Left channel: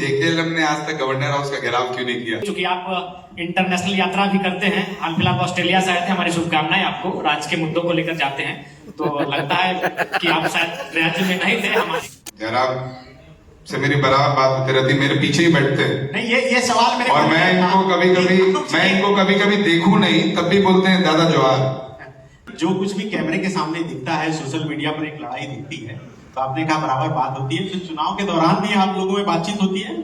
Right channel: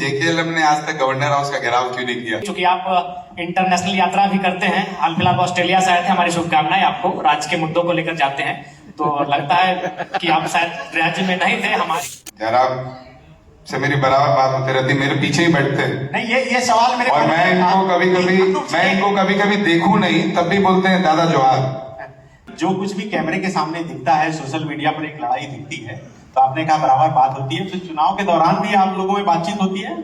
जेकेएलएम ने आज तक गवर्नर हाउस का घेराव क्यों नहीं किया? क्योंकि आप इंटरनेशनल यात्रा भी करते हैं, हाल फिलहाल ऑस्ट्रेलिया से आए थे, हमारी शुभकामनाएं आपको, राज्य के मुद्दों को लेकर जाते हैं, तो लगता है कि आप शायद राज्य में नहीं थे। हम जयराम से मेरी बराबर बात होती रहती, मेरे पीछे ही बैठते हैं। नहीं, ये सवाल मेरे और मैं इनको कभी कभी देखूं नहीं तब भी बोलते हैं दादा जवाहर। जो कुछ भी कैमरे के सामने दिखता है, सोशल मीडिया पर एक लड़ाई दिखती है, तो आपने कहा बराबर बात होती है, फिर चुनाव के दौरान भी आप लोगों में बातचीत होती है?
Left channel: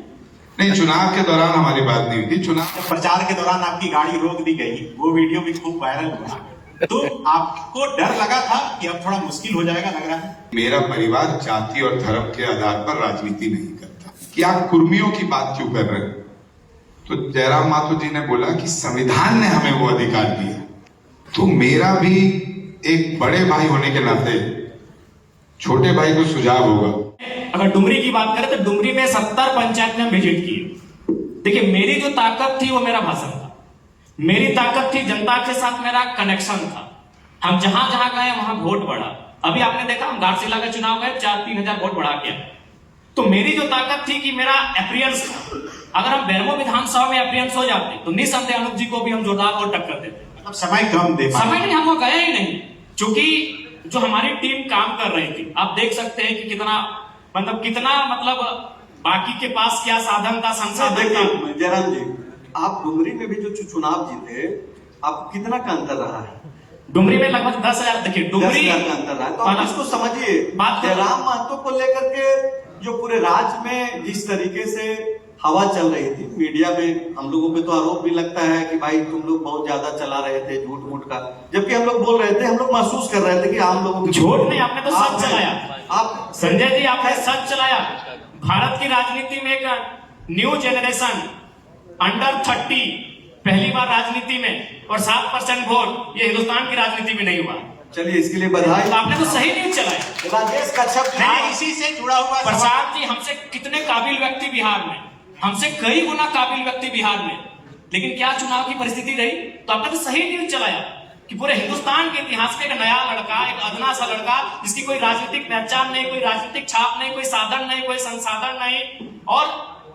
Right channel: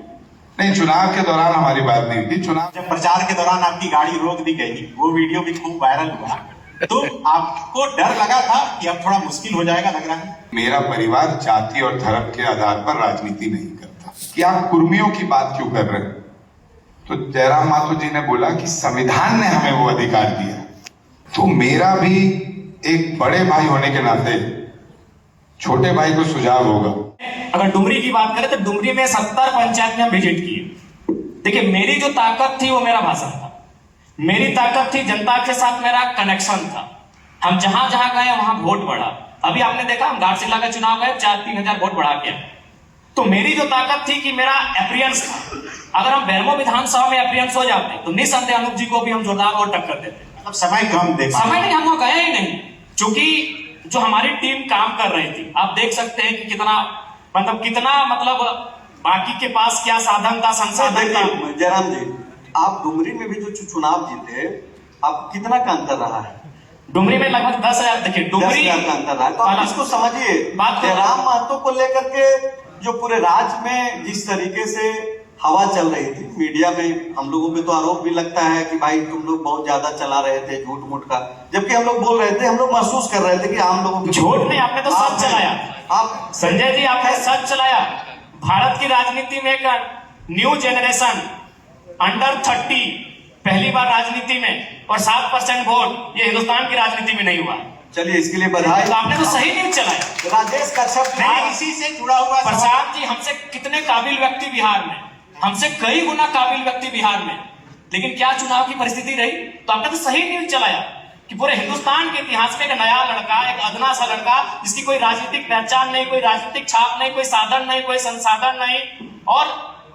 नहीं, चुनाव के दौरान हमारी बात नहीं हुई। चुनाव प्रचार के दौरान आपकी गाड़ी रोक दी गई, वो वीडियो भी खूब वायरल हुआ, तो आपको डर लगा था कि अब थोड़ा मुश्किल हो जाएगा, लग रहा है? मेरा परिवार जाति और धर्म के आधार पर राजनीति नहीं करता। कि आप कुर्मियों की बात क्यों कर रहे हैं? तो जयराम माथुर जी ने बोला कि संविधान ने हमें वो अधिकार दिया, तो मेरा भी एक बड़े भाई होने के नाते छोटे भाई को सुझाव होगा। अगर डुमरी की बात करें तो डुमरी में 70 पंचायत में हम विजिट किए। देखिए, मेरी जो ताकत थी वो मेरा भाषण था, मेरी ताकत थी जनता के साथ मेरा कनेक्शन था। हम जहां जहां गए वहां वोट बढ़ा। अभी आपने देखा हम घाटशिला का चुनाव गए, 4-3 हजार वोट बढ़ा के। तो मेरी जो ताकत थी कि मेरा अपीयरेंस था, अगर हम बेरमो विधानसभा में अपीयरेंस हो जाते तो निसंदेह अनूप जी को भी हम जोरदार वोट टक्कर देते। मतलब समय कम देखा, समय नहीं, हम वो गए ही नहीं, क्योंकि जो हमारी टीम काम कर रही थी, आप देख सकते हैं कि कितना बाकी के पास क्या साधन था, संसाधन था। जयराम जी, आप डुमरी में भी जो चुनाव जीते, आप कितना का अंतर रहा है? डुमरी में लगभग 10,000। देखिए, डुमरी 10,000 का अंतर रहा है, तो आप इसको समझिए। बात जयराम महतो को लेकर के जो पूरे राज्य में जिस तरीके से हवा चल रही थी मीडिया में, हम लोगों पे तो आरोप भी लगता है कि भाई तुम लोग बहुत ज्यादा चला रहे थे झूठ मूठ का, जबकि हम लोग बोल रहे थे, हम लोग महसूस कर रहे थे कि आम लोगों झूठ नहीं, आपने तो सच चलाया। आप संजय जी, आपने सच चलाया। भारत की राजनीति में एक न्यू जेनरेशन अंडर 30 पहली बार राजनीति में, और 7% वोट, ये हिंदुस्तान की राजनीति में नहीं हुआ। चलिए, इसके लिए बधाई। तो आपने तो सही नहीं चलाया। राजेश कश्यप इसी से जुड़ा हुआ प्रसाद जी, हमसे कितने काबिल व्यक्ति बिहार में, हमसे कई गुना काबिल व्यक्ति बिहार में, लेकिन क्या चुनाव की परिस्थिति रही? तो आपने तो सही नहीं चलाया कि पूरे हिंदुस्तान के इतिहास में एक नया लड़का, एक अदना सा लड़का, जिसकी कोई राजनीतिक पहचान नहीं, कोई राजनीतिक छाप नहीं, कोई साधन नहीं, कोई संसाधन नहीं, और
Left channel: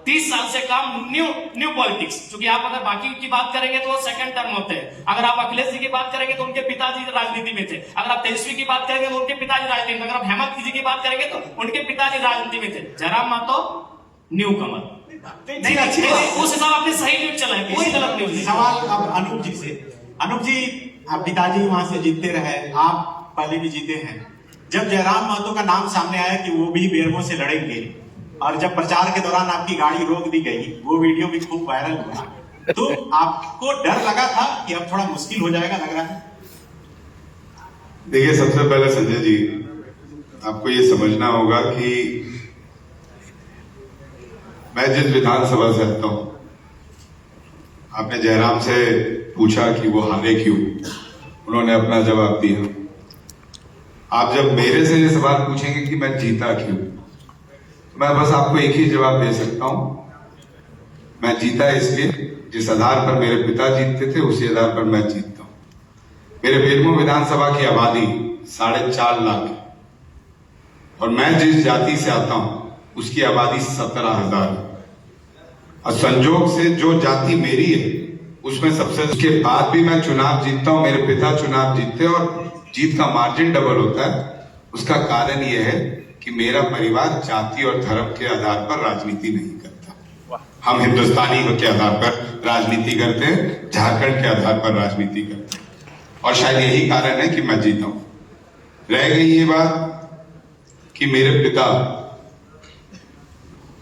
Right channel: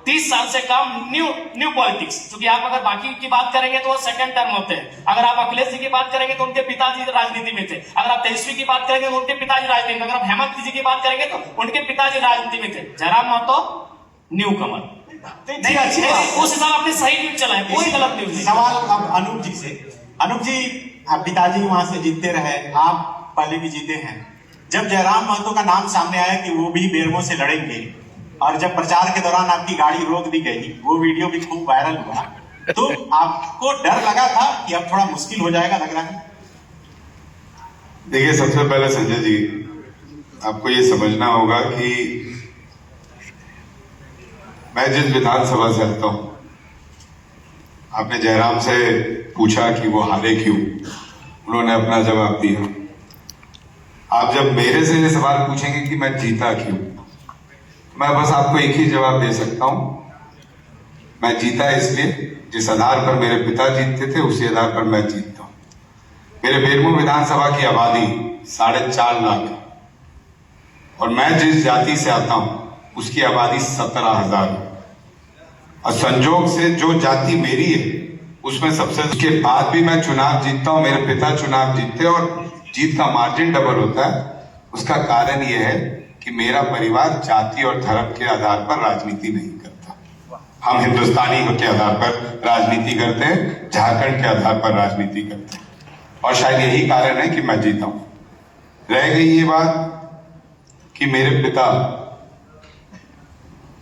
30 साल से कम न्यू पॉलिटिक्स। क्योंकि आप अगर बाकी की बात करेंगे तो वो सेकंड टर्म होते हैं। अगर आप अखिलेश जी की बात करेंगे तो उनके पिताजी राजनीति में थे। अगर आप तेजस्वी की बात करेंगे तो उनके पिताजी राजनीति में। अगर आप हेमंत जी की बात करेंगे तो उनके पिताजी राजनीति में थे। जयराम महतो न्यू कमर। उस हिसाब आपने सही न्यूज चलाया, कोई गलत न्यूज। सवाल अब अनूप जी से। अनूप जी, आप पिताजी वहां से जीतते रहे, आप पहले भी जीते हैं। जब जयराम महतो का नाम सामने आया कि वो भी बेरमो से लड़ेंगे, और जब प्रचार के दौरान आपकी गाड़ी रोक दी गई, वो वीडियो भी खूब वायरल हुआ, तो आपको डर लगा था कि अब थोड़ा मुश्किल हो जाएगा, लग रहा है? देखिए, सबसे पहले संजय जी, आपको ये समझना होगा कि मैं जिस विधानसभा से आता हूं, आपने जयराम से पूछा कि वो हारे क्यों, उन्होंने अपना जवाब दिया। आप जब मेरे से ये सवाल पूछेंगे कि मैं जीता क्यों, मैं बस आपको एक ही जवाब दे सकता हूं, मैं जीता इसलिए जिस आधार पर मेरे पिता जीतते थे उसी आधार पर मैं जीतता हूं। मेरे बेरमो विधानसभा की आबादी 4.5 लाख, और मैं जिस जाति से आता हूं उसकी आबादी 17,000। और संजोग से जो जाति मेरी है उसमें सबसे, उसके बाद भी मैं चुनाव जीतता हूं, मेरे पिता चुनाव जीतते और जीत का मार्जिन डबल होता है। उसका कारण यह है कि मेरा परिवार जाति और धर्म के आधार पर राजनीति नहीं करता। हम हिंदुस्तानी के आधार पर राजनीति करते हैं, झारखंड के आधार पर राजनीति करते हैं, और शायद यही कारण है कि मैं जीता हूं। रह गई ये बात कि मेरे पिता,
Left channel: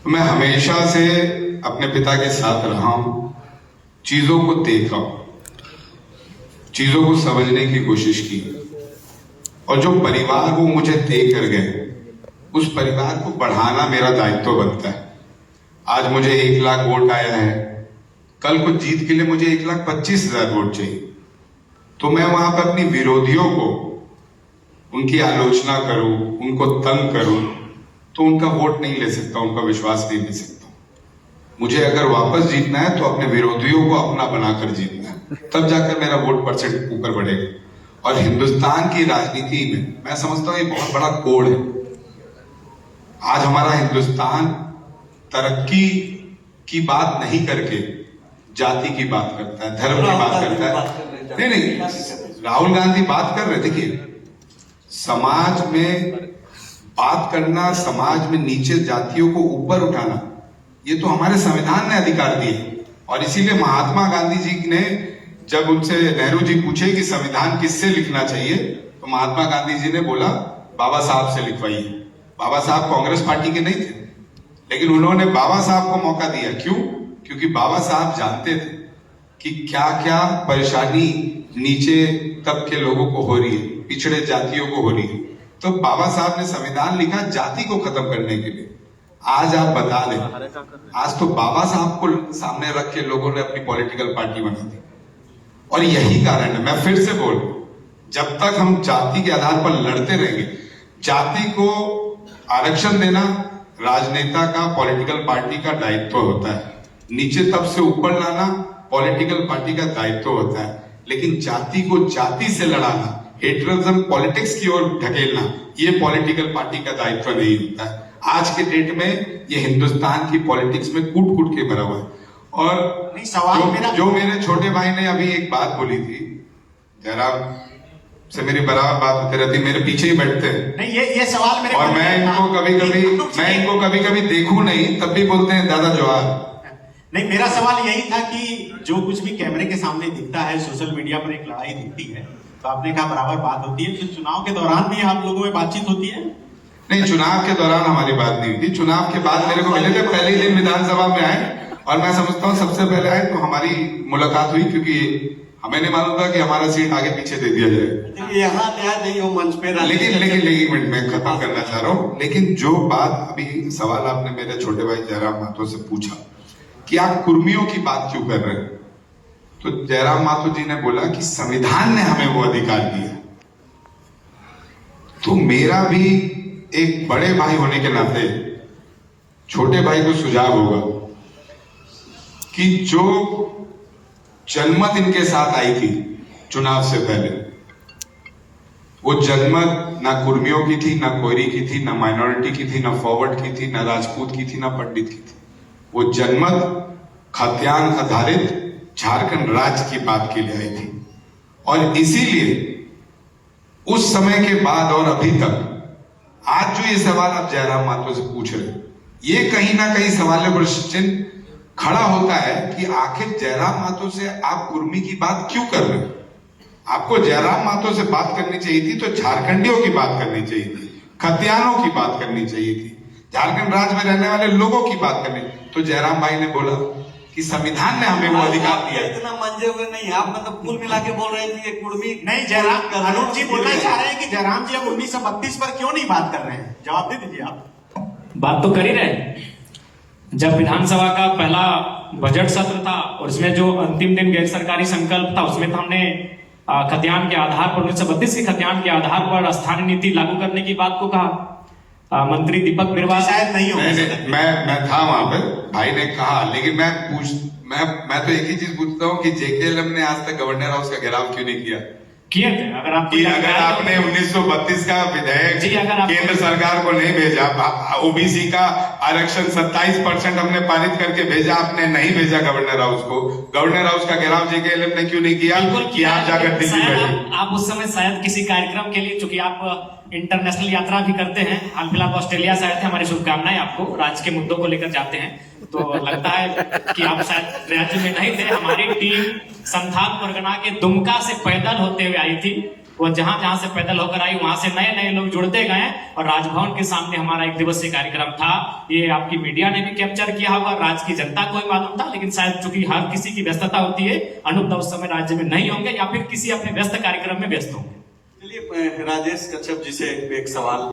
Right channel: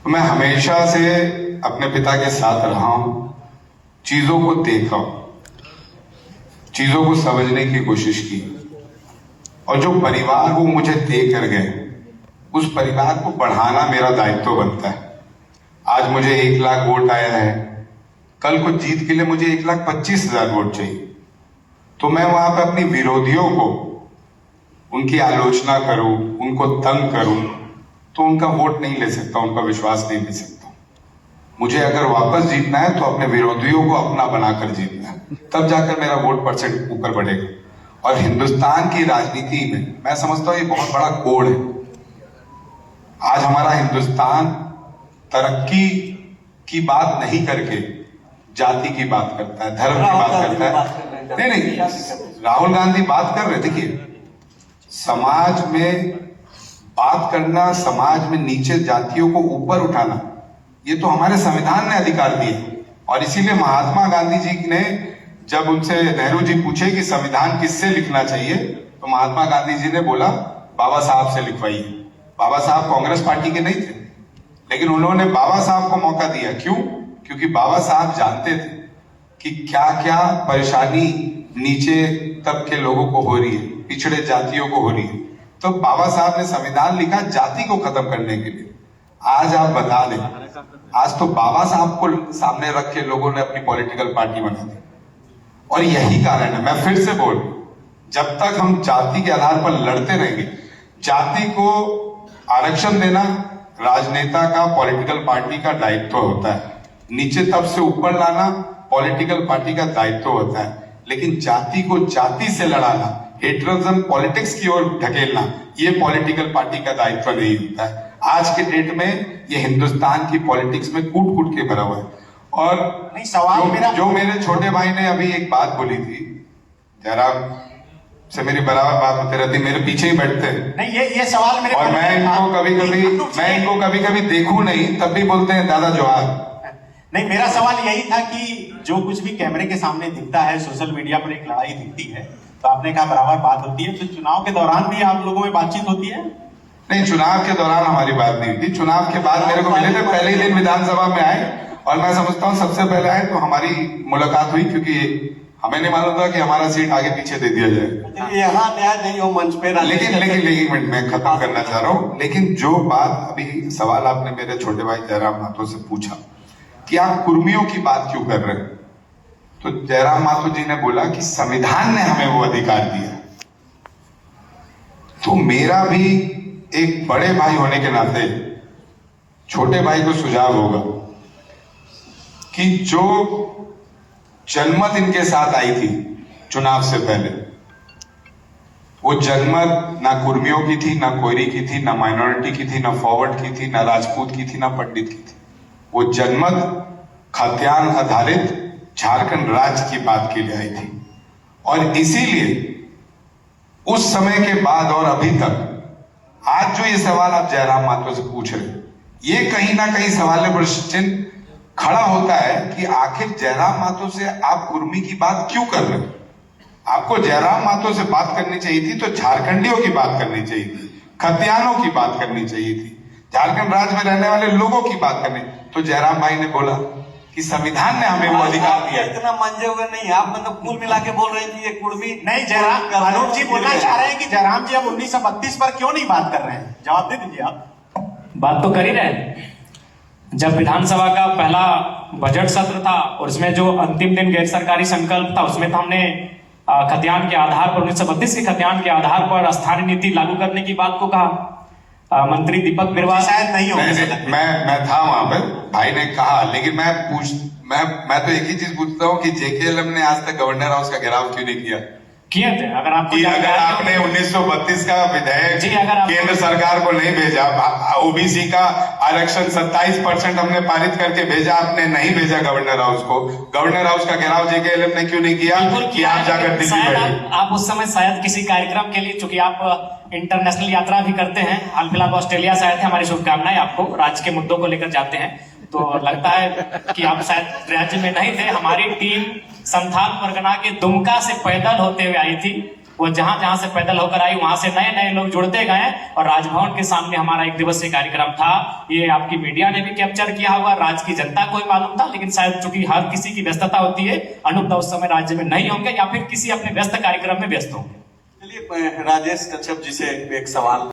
मैं हमेशा से अपने पिता के साथ रहा हूं, चीजों को देखा, चीजों को समझने की कोशिश की, और जो परिवार वो मुझे दे कर गए, उस परिवार को बढ़ाना मेरा दायित्व बनता है। आज मुझे 1 लाख वोट आया है, कल को जीत के लिए मुझे 1,25,000 वोट चाहिए, तो मैं वहां पर अपनी विरोधियों को, उनकी आलोचना करूं, उनको तंग करूं, तो उनका वोट नहीं ले सकता, उनका विश्वास नहीं ले सकता। मुझे अगर वापस जीतना है तो अपने विरोधियों को अपना बनाकर जीतना है, तब जाकर मेरा वोट परसेंट ऊपर बढ़ेगा। और हिंदुस्तान की राजनीति में मैं समझता हूं ये बहुत बड़ा कोड है। आज हमारा हिंदुस्तान तरक्की की बात नहीं करके जाति की बात करता है, धर्म की बात करता है। नहीं नहीं, राहुल गांधी बात कर रहे, देखिए समाज में बात करना, समाज में नीचे जातियों को ऊपर उठाना, ये तो हमारे संविधान ने अधिकार दिए। और इसीलिए महात्मा गांधी जी ने जब उनसे नेहरू जी पूछे कि संविधान किससे लिखना चाहिए, तो महात्मा गांधी जी ने बोला बाबा साहब से लिखवाइए। बाबा साहब कांग्रेस पार्टी के नहीं थे, लेकिन उन्होंने बाबा साहब को मौका दिया। क्यों? क्योंकि बाबा साहब जानते थे कि क्या क्या परेशानी नीचे तबके लोगों को हो रही है, पिछड़े जातियों को हो रही है। तो बाबा साहब ने संविधान लिखा जाति को खत्म करने के लिए। आज आप बता दें, आज तो बाबा साहब को सामने रख के लोगों ने अपनी पॉलिटिकल पार्टी बना दी। और यही कारण है, मैं फिर से बोल, जब तक हम जाति के आधार पर लड़ते रहेंगे, जाति को आरक्षण देना राजनेता का, पॉलिटिकल पार्टी का दायित्व होता है। नीचे तब से ऊपर लाना पॉलिटिकल पार्टी का दायित्व होता है। लेकिन जाति को जाति से लड़ाना, हेट्रोजन पॉलिटिक्स की ओर ढकेलना, ये पॉलिटिकल पार्टी का दायित्व नहीं होता है। आज के डेट में ये हिंदुस्तान की पॉलिटिक्स में कूट कूट के भरा हुआ है। और नहीं, सवाल मेरा जो मेरे छोटे भाई ने अभी एक बात बोली थी, जयराम से मेरी बराबर बात होती रहती, मेरे पीछे ही बैठते हैं। नहीं, ये सवाल मेरे और मैं इनको कभी कभी देखूं नहीं, तब भी बोलते हैं दादा जवाहर। नहीं, मेरा सवाल यही था कि जो कुछ भी कैमरे के सामने दिखता है, सोशल मीडिया पर एक लड़ाई दिखती है, तो आपने कहा बराबर बात होती है, तो चुनाव के दौरान भी आप लोगों में बातचीत होती है? नहीं, चुनाव के दौरान हमारी बात नहीं हुई। चुनाव के बाद मेरे को मिले थे, पहले ही दिन विधानसभा में आए, और मैं समझता हूँ सबसे पहले आए तो हमारी मुलाकात हुई, क्योंकि हमें नहीं मालूम था कि हमारा सीट आगे पीछे दे दिया जाए। यहाँ न्याय नहीं हो मंच पे। लेकिन मैं खत्म करना चाह रहा हूँ। लेकिन जो बात अभी सवाल आपने मेरे छोटे भाई जयराम माथुर से पूछा कि आप कुर्मियों की बात क्यों कर रहे हैं, तो जयराम माथुर जी ने बोला कि संविधान ने हमें वो अधिकार दिया। तो मेरा भी एक बड़े भाई होने के नाते छोटे भाई को सुझाव होगा कि जो जनमत इनके साथ आई थी चुनाव से पहले, वो जनमत ना कुर्मियों की थी, ना कोयरी की थी, ना माइनॉरिटी की थी, ना फॉरवर्ड की थी, ना राजपूत की थी, ना पंडित की थी। वो जनमत खाद्यान्न आधारित झारखंड राज्य की बात के लिए आई थी। और इसीलिए उस समय के बाद और अभी तक आज जो ये सवाल आप जयराम माथुर से पूछ रहे, ये कहीं ना कहीं सवाल प्रश्न चिन्ह खड़ा होता है कि आखिर जयराम माथुर से आप कुर्मी की बात क्यों कर रहे हैं? आपको जयराम माथुर से बात करनी चाहिए थी तो झारखंडियों की बात करनी चाहिए थी, खतियानों की बात करनी चाहिए थी, झारखंड राज्य में रहने वाले लोगों की बात करनी। तो जयराम भाई ने बोला कि संविधान ने हमें वो अधिकार दिया। इतना मंजे हुए नहीं, आप मतलब कुल मिला के बोल रहे थे ये कुर्मी नहीं, जयराम अनूप जी बोलना चाह रहे हैं कि जयराम जी अब 1932 पर क्यों नहीं बात कर रहे हैं? जवाब दे दीजिए आप। बात तो कर ही रहे। जब विधानसभा का पहला बजट सत्र था और उसमें जो अंतिम दिन गैर सरकारी संकल्प था, उसमें तो हमने खतियान के आधार पर 1932 के खतियान के आधार पर स्थानीय नीति लागू करने की बात को कहा। मंत्री दीपक बिरवा शायद नहीं हो। मैं था वहां पर, भाई ने कहा, लेकिन मैं तो एक ही चीज पूछता हूँ कि जेकेएलएम ने आज तक गवर्नर हाउस का घेराव क्यों नहीं किया? किए थे। अगर आपने 1932 का विधेयक केंद्र सरकार को नहीं भेजा, ओबीसी का आरक्षण 27% हमने पारित करके भेजा, आपने नहीं भेजा गवर्नर हाउस को। गवर्नर हाउस का घेराव जेकेएलएम ने क्यों नहीं किया कि आप जाकर दिल्ली बैठे? आप उस समय शायद किसी कार्यक्रम के लिए, चूंकि आप इंटरनेशनल यात्रा भी करते हैं, हाल फिलहाल ऑस्ट्रेलिया से आए थे, हमारी शुभकामनाएं आपको, राज्य के मुद्दों को लेकर जाते हैं, तो लगता है कि आप शायद राज्य में नहीं थे। हमारी टीम संथाल परगना के दुमका से पैदल होते हुए आई थी। वो जहां से पैदल होकर आई, वहां से नए नए लोग जुड़ते गए और राजभवन के सामने हमारा एक दिवसीय कार्यक्रम था। ये आपकी मीडिया ने भी कैप्चर किया होगा, राज्य की जनता को ही मालूम था, लेकिन शायद चूंकि हर किसी की व्यस्तता होती है, अनूप उस समय राज्य में नहीं होंगे या फिर किसी अपने व्यस्त कार्यक्रम में व्यस्त होंगे। चलिए, राजेश कश्यप जी से एक सवाल